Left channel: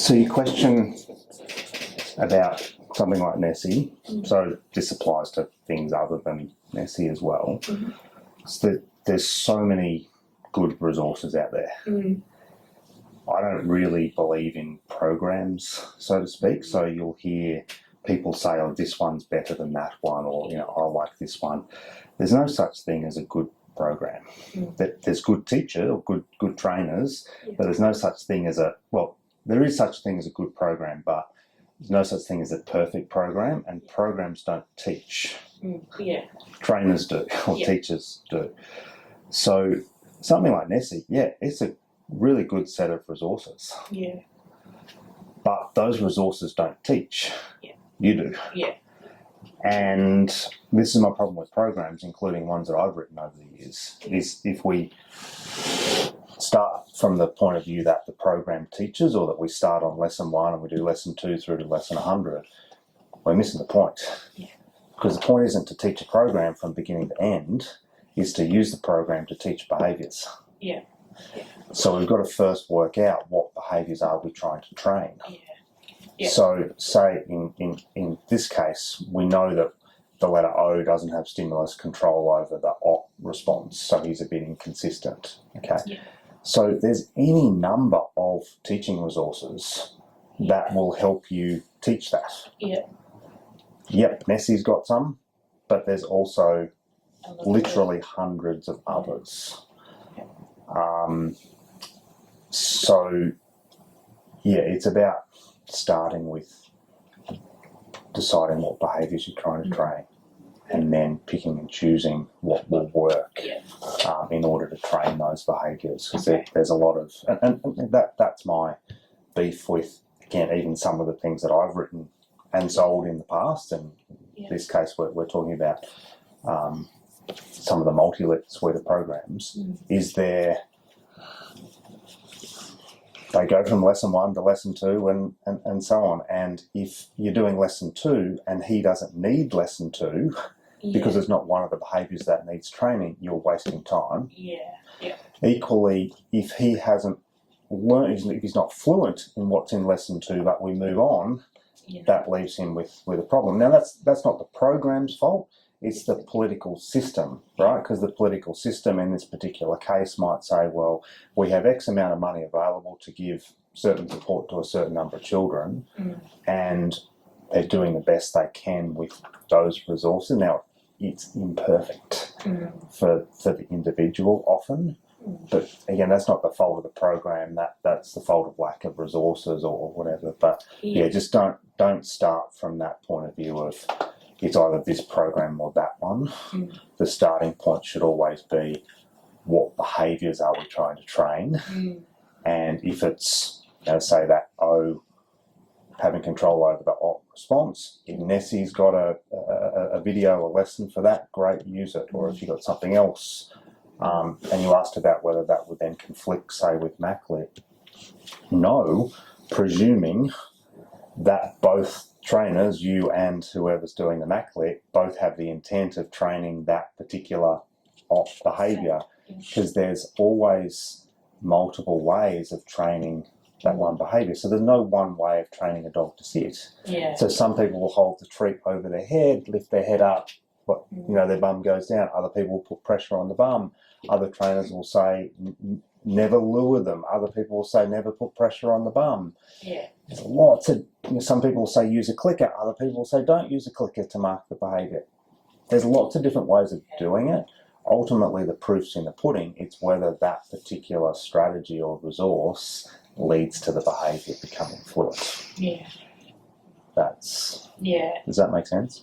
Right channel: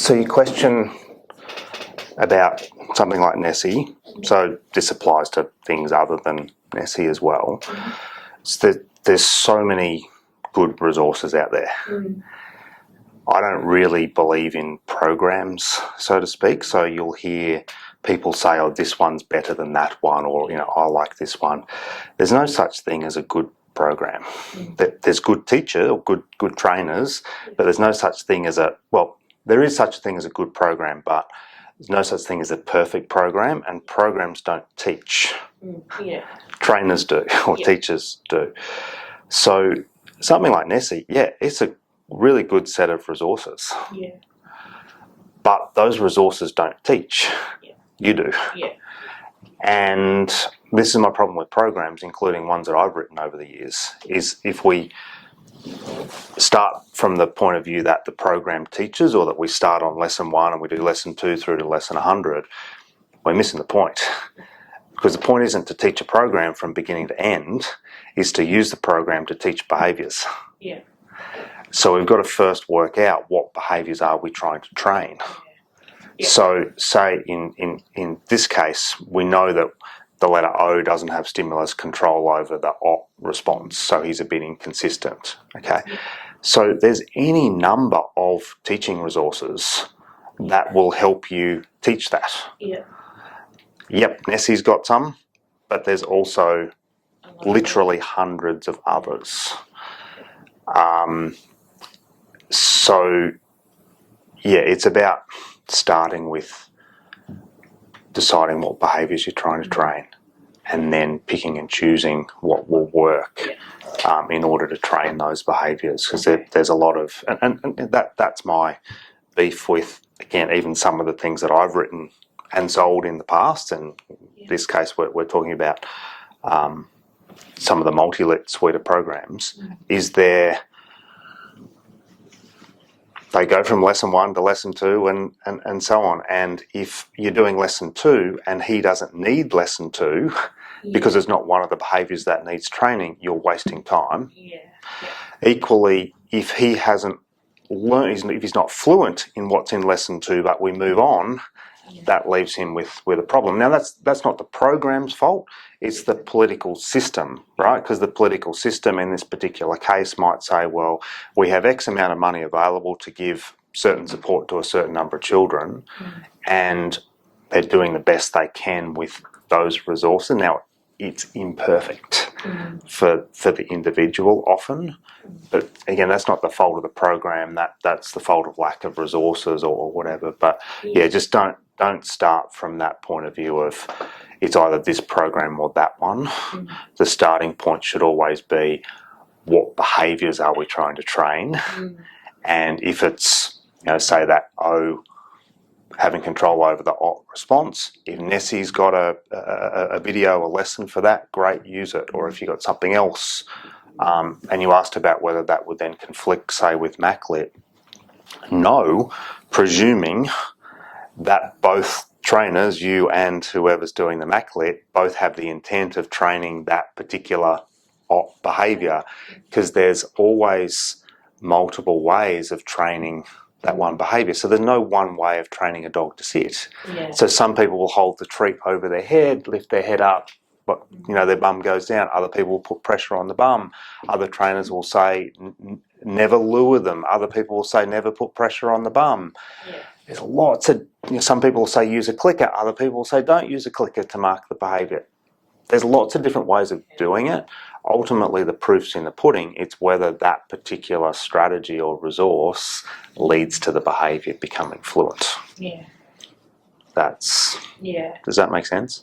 So your question about something like Nessie, so this applies to things other than Nessie as well, is that there's so many good resources out there. I don't really believe in programs, so to speak, so you'll hear people say, oh, this one's better than that one, or, I like this one. There's no such thing as a good program. There's good teachers or good trainers, but there's no such thing as there is such a thing as a good program, but there's no such thing as a perfect program, and programs don't teach. Trainers do, or teachers do. So something like Nessie, it's a really good set of resources. But those resources don't teach. You do. And this is my problem with programs, including ones that I've written over the years, is if we start from the point of view that the program teaches, or that we start on lesson 1 and we do lesson 2 through to lesson 100, we're missing the point. Because the point isn't to teach a program from beginning to end, is to use the program to teach behaviours. So we've got to first work out what behaviours are we trying to train. So say in this case, we know that the letter O doesn't have stimulus control over the O response, so he's a bit inconsistent, okay? So there's any number of teaching resources that will help you teach that. Yep, Nessie's got some, but there's also literally hundreds of others. So it's about starting with deciding what behaviours you're trying to train, and then picking and choosing what will work in order to train those behaviours, because there's a lot of, and that's my beef with, again, even some of the things that I've written and sold in the past, and in this case we're talking about some of the multi-lit suite of programs, is they go from lesson 1 to lesson 2 and so on. And if you're doing lesson 2 and he doesn't need lesson 2 because it's not one of the behaviours that needs training, you're wasting time. Equally, if he hasn't learned, if he's not fluent in what's in lesson 2, but we move on, that leaves him with a problem. Now, that's not the program's fault, it's the political system, right? Because the political system in this particular case might say, well, we have X amount of money available to give certain support to a certain number of children, and they're doing the best they can with those resources. Now, it's imperfect for the individual often, but again, that's not the fault of the program, that's the fault of lack of resources or whatever. But just don't start from that point of view of it's either this program or that one. The starting point should always be, what behaviours are we trying to train? And if it's, say that O, having control over the O response, if Nessie's got a video, a lesson for that, great, use it. Or if you've got something else, and you asked about whether that would then conflict, say, with MacLit, no, presuming that both trainers, you and whoever's doing the MacLit, both have the intent of training that particular behaviour, because there's always multiple ways of training that one behaviour. So there's no one way of training a dog to sit. So some people will hold the treat over their head, lift their head up, but their bum goes down. Other people will put pressure on the bum. Other trainers will say never lure them. Other people will say never put pressure on the bum. There's lots of, some people will say use a clicker. Other people will say don't use a clicker to mark the behaviour. There's lots of different ways of doing it. Ultimately, the proof's in the pudding. It's whether that particular strategy or resource leads to the behaviour becoming fluent. Does that make sense?